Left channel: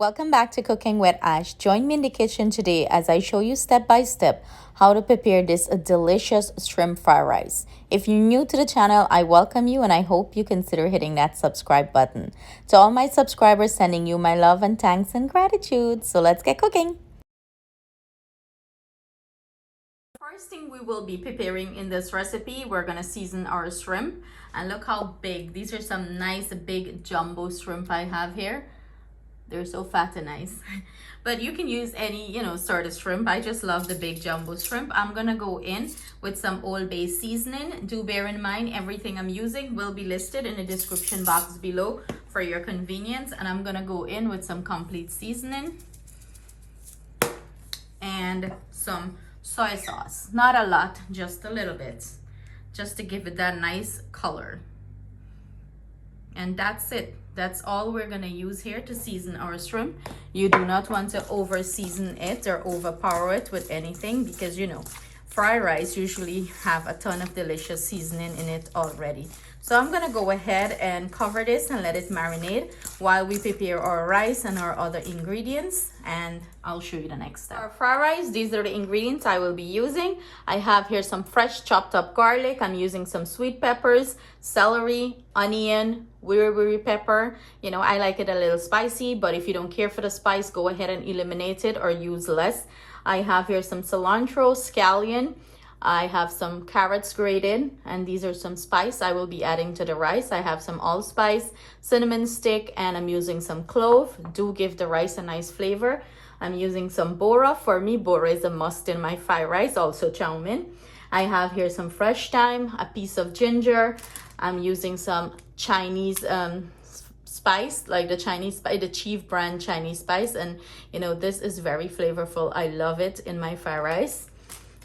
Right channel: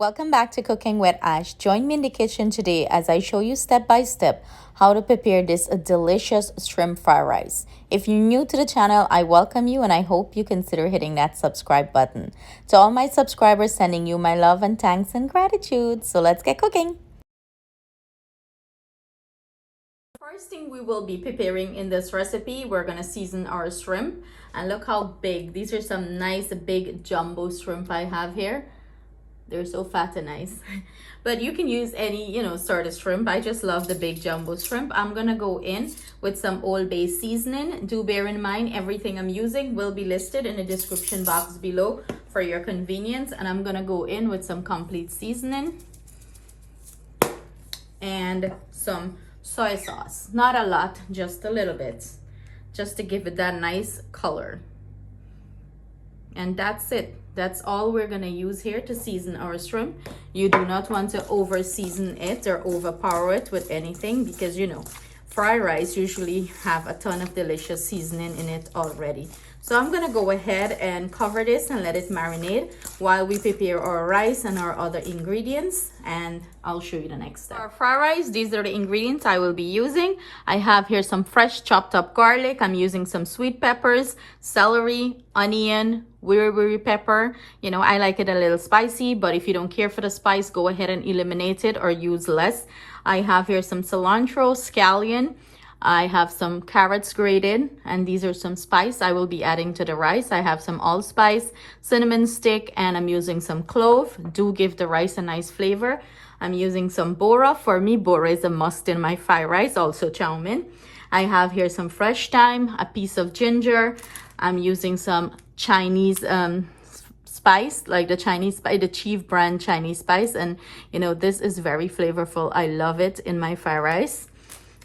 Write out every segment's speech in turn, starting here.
Welcome back to Cooking with Ash. Join me in the kitchen today as I show you step by step how to prepare this delicious shrimp fried rice. If you're new to the channel, I welcome you and I hope you consider hitting that subscribe button. To all my subscribers, sending you my love and thanks and gratitude. So let's get cooking. First thing we will be preparing in this recipe, we're gonna season our shrimp. And look how big. These are some nice big jumbo shrimp I have here. They're so fat and nice. But you can use any, sort of shrimp. I just love the big jumbo shrimp. I'm gonna go in with some Old Bay seasoning. Do bear in mind, everything I'm using will be listed in the description box below for your convenience. And I'm gonna go in with some complete seasoning and some soy sauce. Not a lot, just a little bit, just to give it that nice color. And that's it. That's all we're gonna use here to season our shrimp. You do not want to over season it or overpower it with anything because fried rice usually have a ton of delicious seasoning in it already. So I'm gonna go ahead and cover this and let it marinate while we prepare our rice and our other ingredients, and I'll show you the next step. Our fried rice, these are the ingredients I will be using. I have here some fresh chopped up garlic. I'm using some sweet peppers, celery, onion, Wiri Wiri pepper. I like it a little spicy, but if you don't care for the spice, go ahead and eliminate it or use less. I have here some cilantro, scallion. I have some carrots grated, and these are some spice I will be adding to the rice. I have some allspice, cinnamon stick, and I'm using some clove. Do give the rice a nice flavor. I'm using some bora. For me, bora is a must in my fried rice, also chow mein. I have here some fresh thyme, a piece of ginger. I'm using some Chinese spice, like the Chinese spice, the Chief brand Chinese spice, and this is very flavorful. I love it in my fried rice.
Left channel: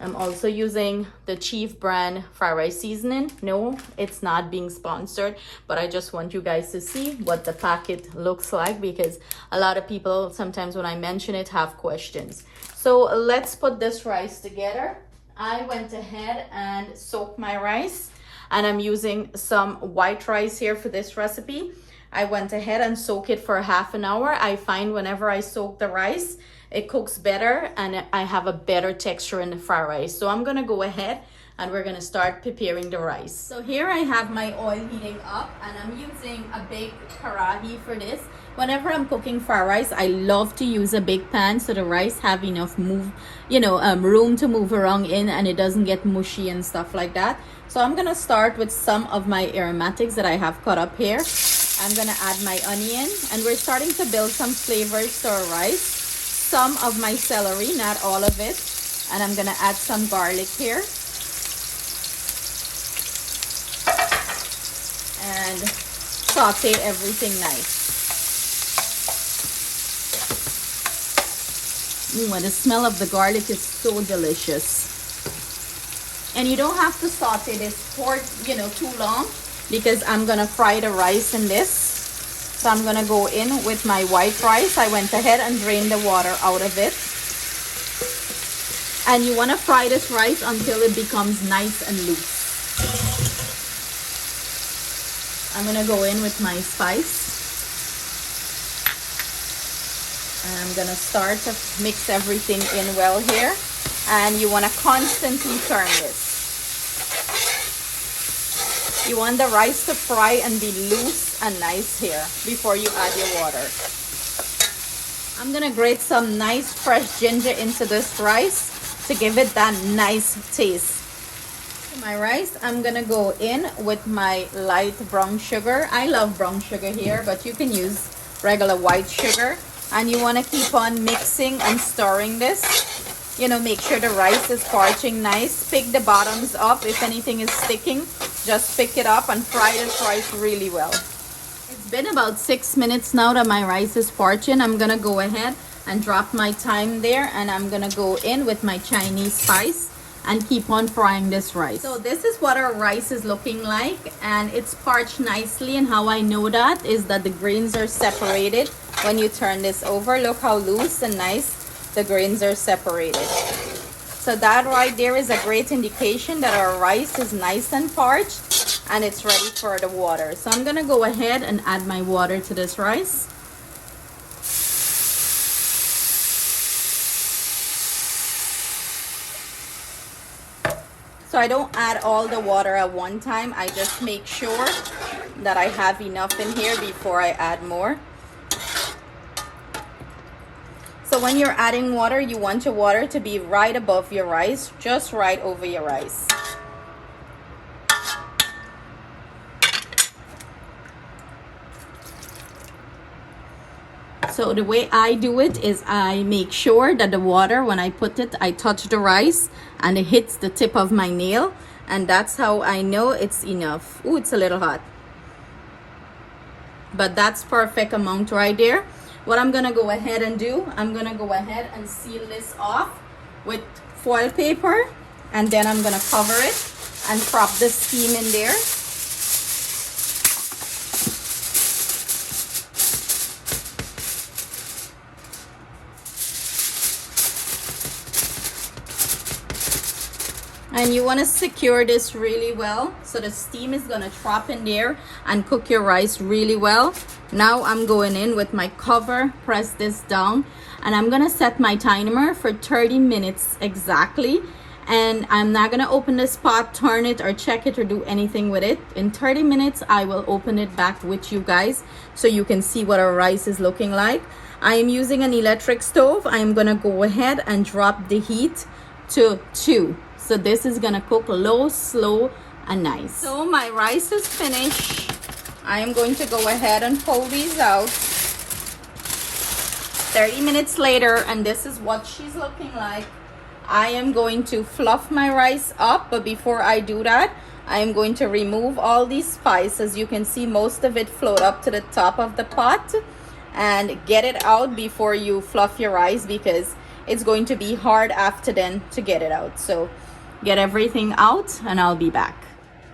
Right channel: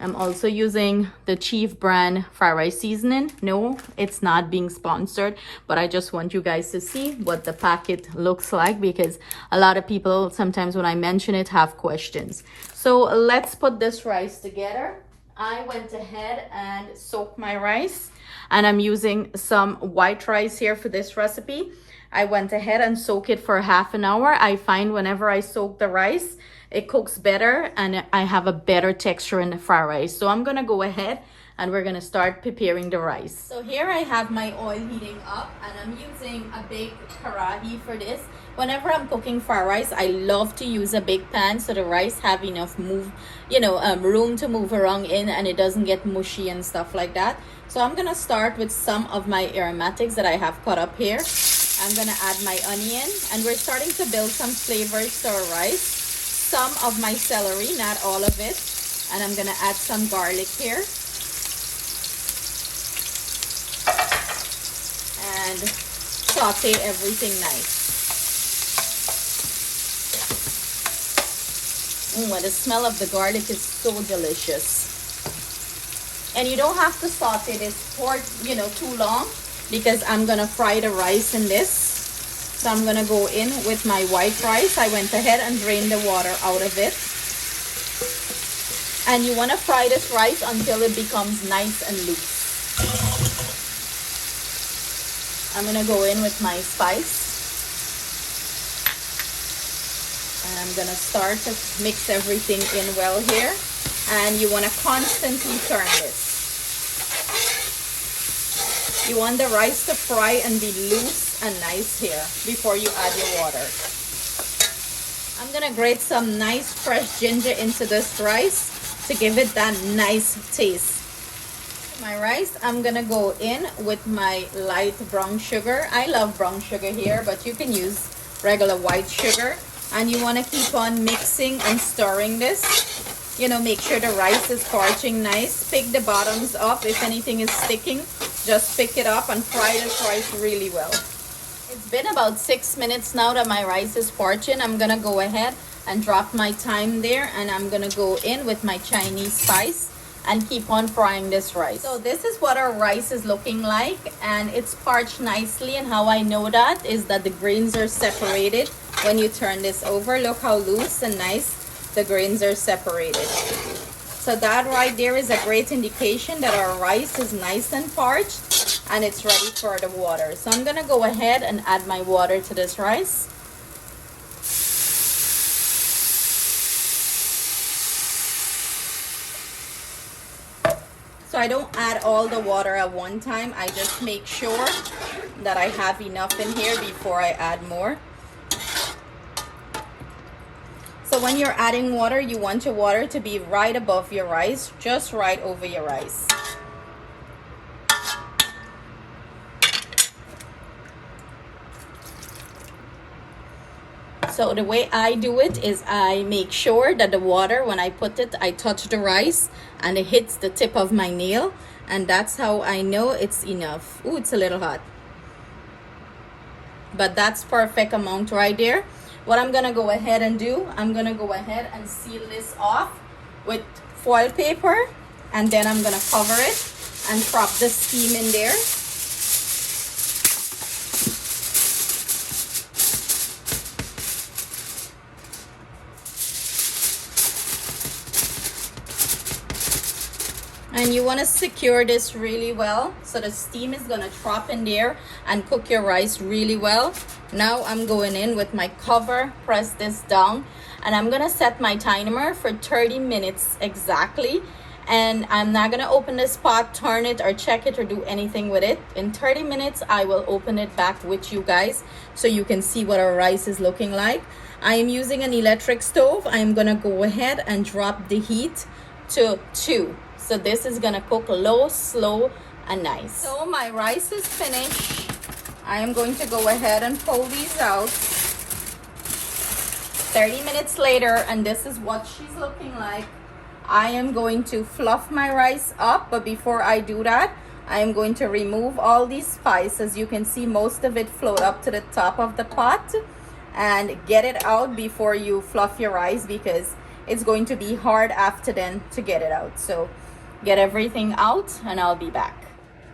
I'm also using the Chief brand fried rice seasoning. No, it's not being sponsored, but I just want you guys to see what the packet looks like because a lot of people sometimes when I mention it have questions. So let's put this rice together. I went ahead and soaked my rice, and I'm using some white rice here for this recipe. I went ahead and soaked it for half an hour. I find whenever I soak the rice, it cooks better and I have a better texture in the fried rice. So I'm gonna go ahead and we're gonna start preparing the rice. So here I have my oil heating up and I'm using a big karahi for this. Whenever I'm cooking fried rice, I love to use a big pan so the rice have enough room to move around in and it doesn't get mushy and stuff like that. So I'm gonna start with some of my aromatics that I have cut up here. I'm gonna add my onion and we're starting to build some flavors to our rice. Some of my celery, not all of it, and I'm gonna add some garlic here and saute everything nice. Oh, and the smell of the garlic is so delicious. And you don't have to saute this for too long because I'm gonna fry the rice in this. So I'm gonna go in with my white rice. I went ahead and drained the water out of it. And you wanna fry this rice until it becomes nice and loose. I'm gonna go in with my spice. And I'm gonna start to mix everything in well here. And you wanna constantly turn this. You want the rice to fry and be loose and nice here before you add your water. I'm gonna grate some nice fresh ginger into this rice to give it that nice taste. My rice, I'm gonna go in with my light brown sugar. I love brown sugar here, but you can use regular white sugar. And you wanna keep on mixing and stirring this. Make sure the rice is parching nice. Pick the bottoms up. If anything is sticking, just pick it up and fry this rice really well. It's been about 6 minutes now that my rice is parching. I'm gonna go ahead and drop my thyme there, and I'm gonna go in with my Chinese spice and keep on frying this rice. So this is what our rice is looking like, and it's parched nicely. And how I know that is that the grains are separated when you turn this over. Look how loose and nice the grains are separated. So that right there is a great indication that our rice is nice and parched and it's ready for the water. So I'm gonna go ahead and add my water to this rice. So I don't add all the water at one time. I just make sure that I have enough in here before I add more. So when you're adding water, you want your water to be right above your rice, just right over your rice. So the way I do it is I make sure that the water, when I put it, I touch the rice and it hits the tip of my nail. And that's how I know it's enough. Ooh, it's a little hot. But that's perfect amount right there. What I'm gonna go ahead and do, I'm gonna go ahead and seal this off with foil paper. And then I'm gonna cover it and prop the steam in there. And you want to secure this really well so the steam is going to drop in there and cook your rice really well. Now I'm going in with my cover, press this down, and I'm going to set my timer for 30 minutes exactly. And I'm not going to open this pot, turn it or check it or do anything with it. In 30 minutes I will open it back with you guys so you can see what our rice is looking like. I am using an electric stove. I'm going to go ahead and drop the heat to 2. So this is gonna cook low, slow, and nice. So my rice is finished. I am going to go ahead and pull these out. 30 minutes later, and this is what she's looking like. I am going to fluff my rice up, but before I do that, I am going to remove all these spices. As you can see, most of it float up to the top of the pot, and get it out before you fluff your rice because it's going to be hard after then to get it out. So get everything out and I'll be back.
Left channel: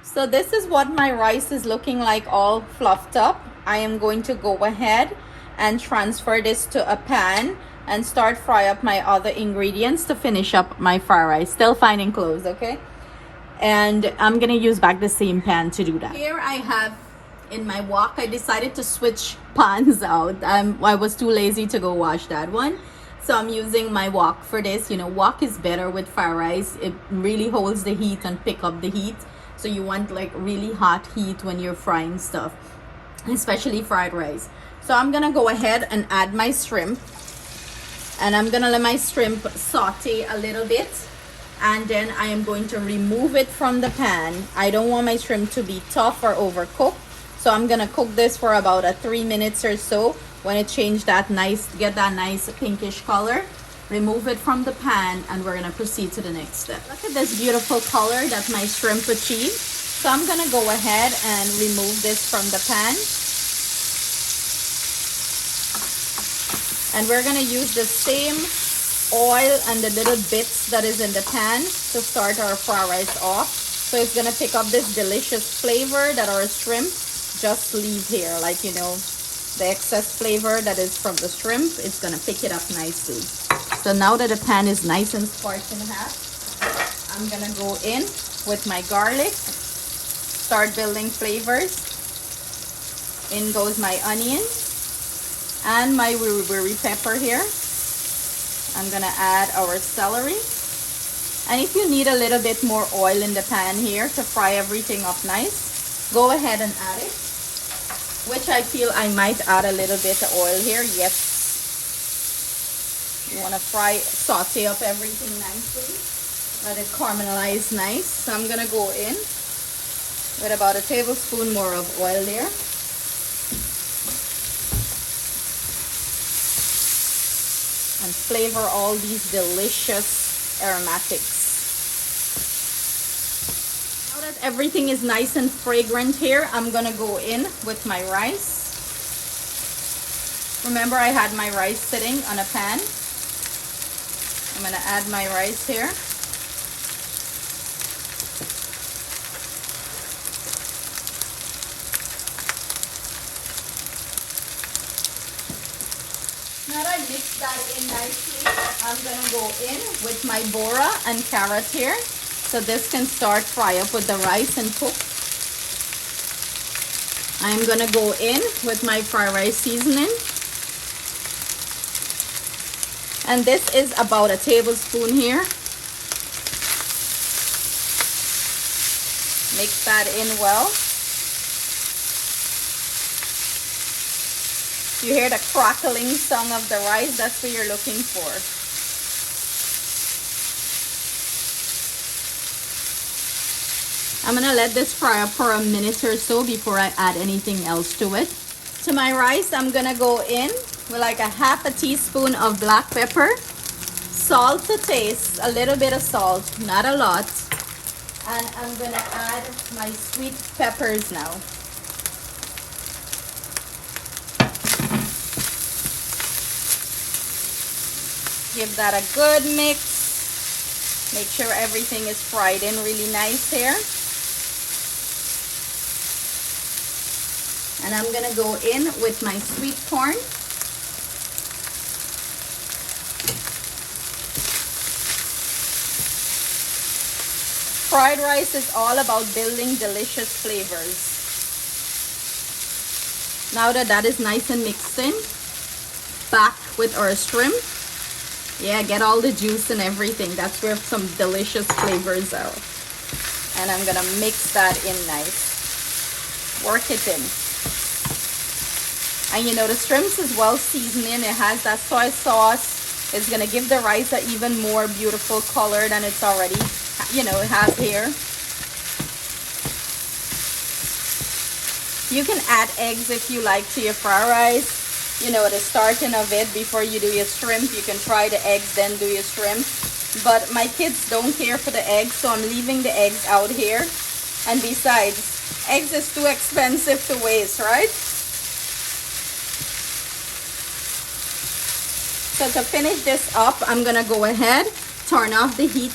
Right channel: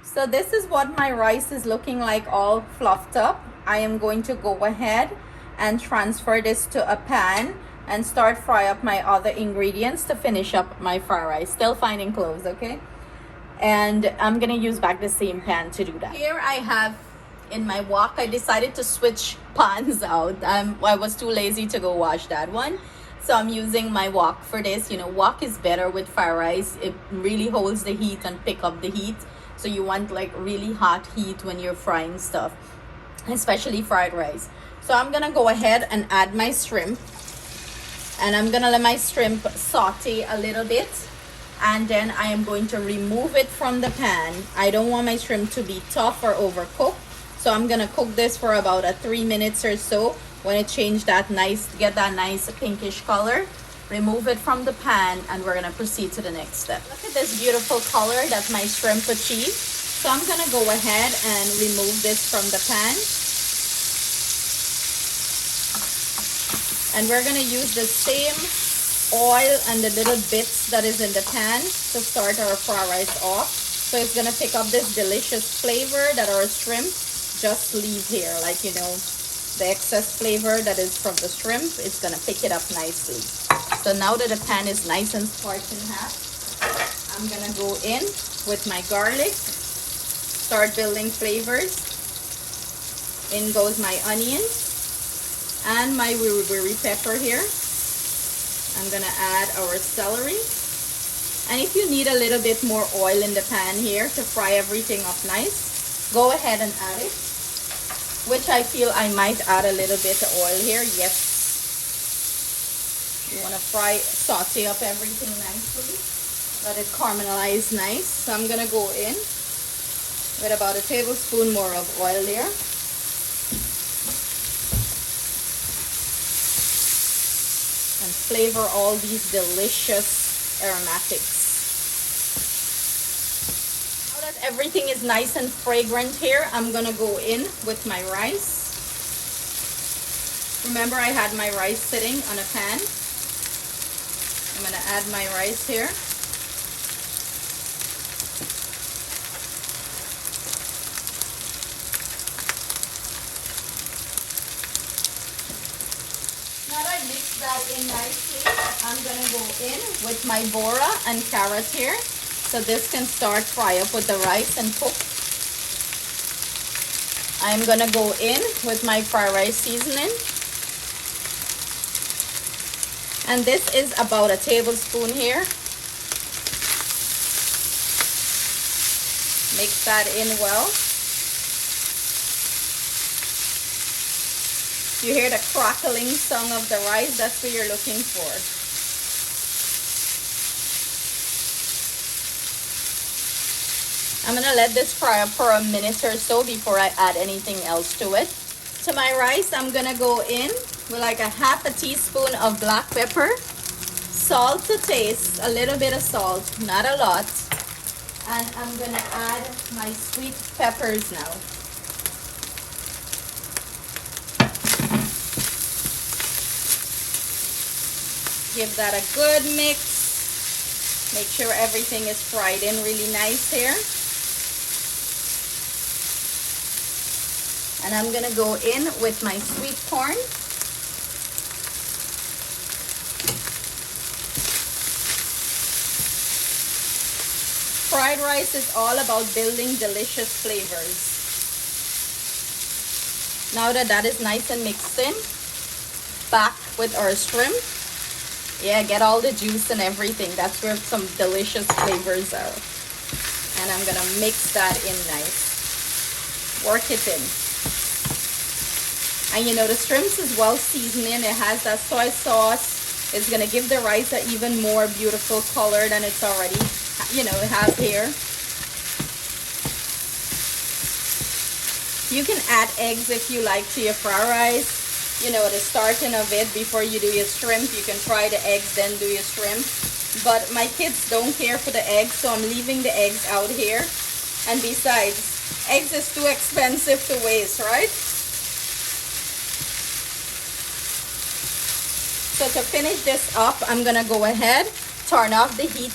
So this is what my rice is looking like, all fluffed up. I am going to go ahead and transfer this to a pan and start fry up my other ingredients to finish up my fried rice. Still finding cloves, okay? And I'm gonna use back the same pan to do that. Here I have in my wok, I decided to switch pans out. I was too lazy to go wash that one. So I'm using my wok for this. You know, wok is better with fried rice. It really holds the heat and pick up the heat. So you want like really hot heat when you're frying stuff, especially fried rice. So I'm gonna go ahead and add my shrimp. And I'm gonna let my shrimp saute a little bit. And then I am going to remove it from the pan. I don't want my shrimp to be tough or overcooked. So I'm gonna cook this for about 3 minutes or so. When it changed that nice, get that nice pinkish color, remove it from the pan and we're gonna proceed to the next step. Look at this beautiful color that my shrimp achieved. So I'm gonna go ahead and remove this from the pan. And we're gonna use the same oil and the little bits that is in the pan to start our fried rice off. So it's gonna pick up this delicious flavor that our shrimp just leave here, like, you know, the excess flavor that is from the shrimp. It's gonna pick it up nicely. So now that the pan is nice and sparked in half, I'm gonna go in with my garlic, start building flavors. In goes my onion and my Wiri Wiri pepper here. I'm gonna add our celery. And if you need a little bit more oil in the pan here to fry everything up nice, go ahead and add it. Which I feel I might add a little bit of oil here. Yes. You want to saute up everything nicely. Let it caramelize nice. So I'm going to go in with about 1 tablespoon more of oil there. And flavor all these delicious aromatics. Everything is nice and fragrant here. I'm gonna go in with my rice. Remember, I had my rice sitting on a pan. I'm gonna add my rice here. Now that I mixed that in nicely, I'm gonna go in with my bora and carrot here. So this can start fry up with the rice and cook. I'm gonna go in with my fried rice seasoning. And this is about 1 tablespoon here. Mix that in well. You hear the crackling sound of the rice? That's what you're looking for. I'm gonna let this fry up for a minute or so before I add anything else to it. To my rice, I'm gonna go in with like a half a teaspoon of black pepper, salt to taste, a little bit of salt, not a lot. And I'm gonna add my sweet peppers now. Give that a good mix. Make sure everything is fried in really nice here. And I'm gonna go in with my sweet corn. Fried rice is all about building delicious flavors. Now that that is nice and mixed in, back with our shrimp. Yeah, get all the juice and everything. That's where some delicious flavors are. And I'm gonna mix that in nice. Work it in. And you know, the shrimps is well seasoned. It has that soy sauce. It's gonna give the rice an even more beautiful color than it's already, you know, it has here. You can add eggs if you like to your fried rice. You know, the starting of it before you do your shrimp. You can fry the eggs, then do your shrimp. But my kids don't care for the eggs, so I'm leaving the eggs out here. And besides, eggs is too expensive to waste, right? So to finish this up, I'm gonna go ahead, turn off the heat,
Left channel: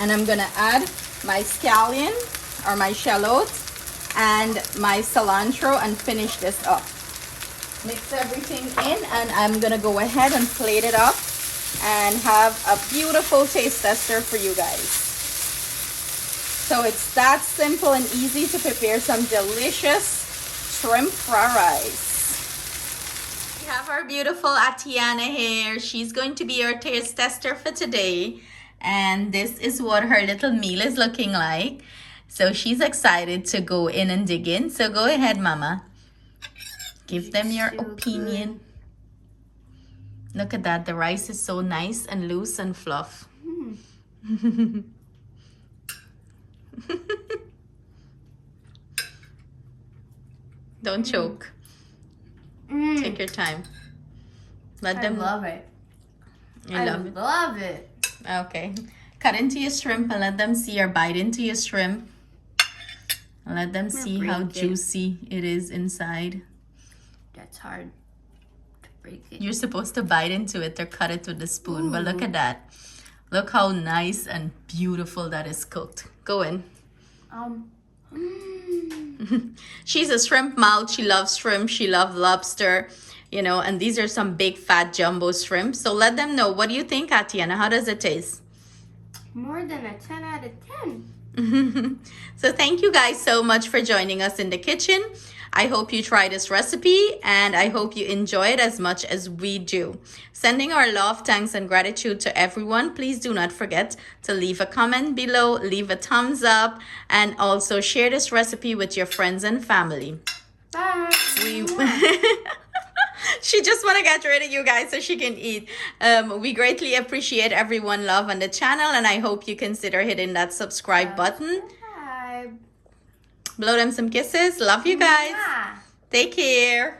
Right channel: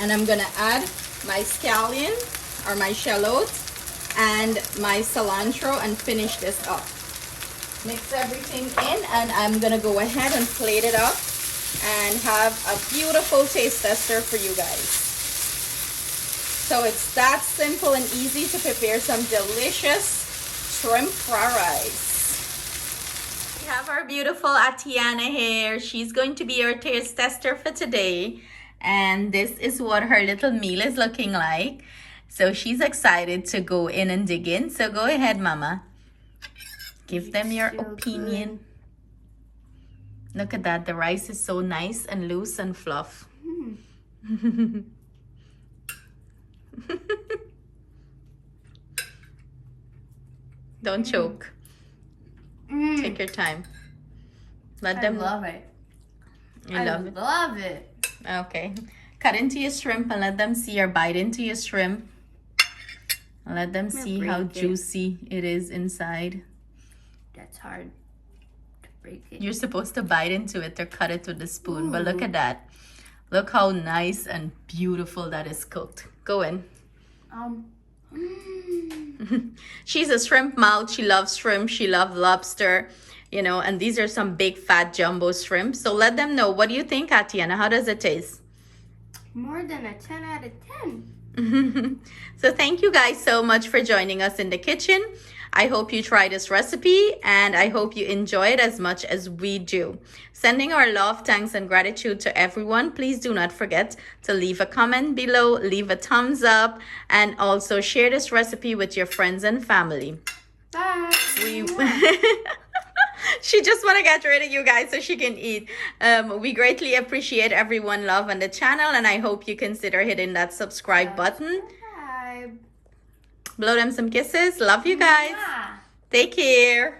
and I'm gonna add my scallion or my shallot and my cilantro and finish this up. Mix everything in, and I'm gonna go ahead and plate it up and have a beautiful taste tester for you guys. So it's that simple and easy to prepare some delicious shrimp fried rice. We have our beautiful Atiana here. She's going to be our taste tester for today, and this is what her little meal is looking like. So she's excited to go in and dig in. So go ahead, Mama. Give them your opinion. Good. Look at that. The rice is so nice and loose and fluff. Don't choke. Take your time. Let them love it. You love it? Love it. Okay. Cut into your shrimp and let them see, or bite into your shrimp. And let them see how juicy it is inside. That's hard to break it. You're supposed to bite into it or cut it with a spoon. Ooh. But look at that. Look how nice and beautiful that is cooked. Go in. She's a shrimp mouth. She loves shrimp. She loves lobster. You know, and these are some big fat jumbo shrimp. So let them know. What do you think, Atiana? How does it taste? More than a 10 out of 10. So thank you guys so much for joining us in the kitchen. I hope you try this recipe, and I hope you enjoy it as much as we do. Sending our love, thanks, and gratitude to everyone. Please do not forget to leave a comment below, leave a thumbs up, and also share this recipe with your friends and family. Bye. She just want to get rid of you guys so she can eat. We greatly appreciate everyone love on the channel, and I hope you consider hitting that subscribe button. Blow them some kisses. Love you guys. Take care.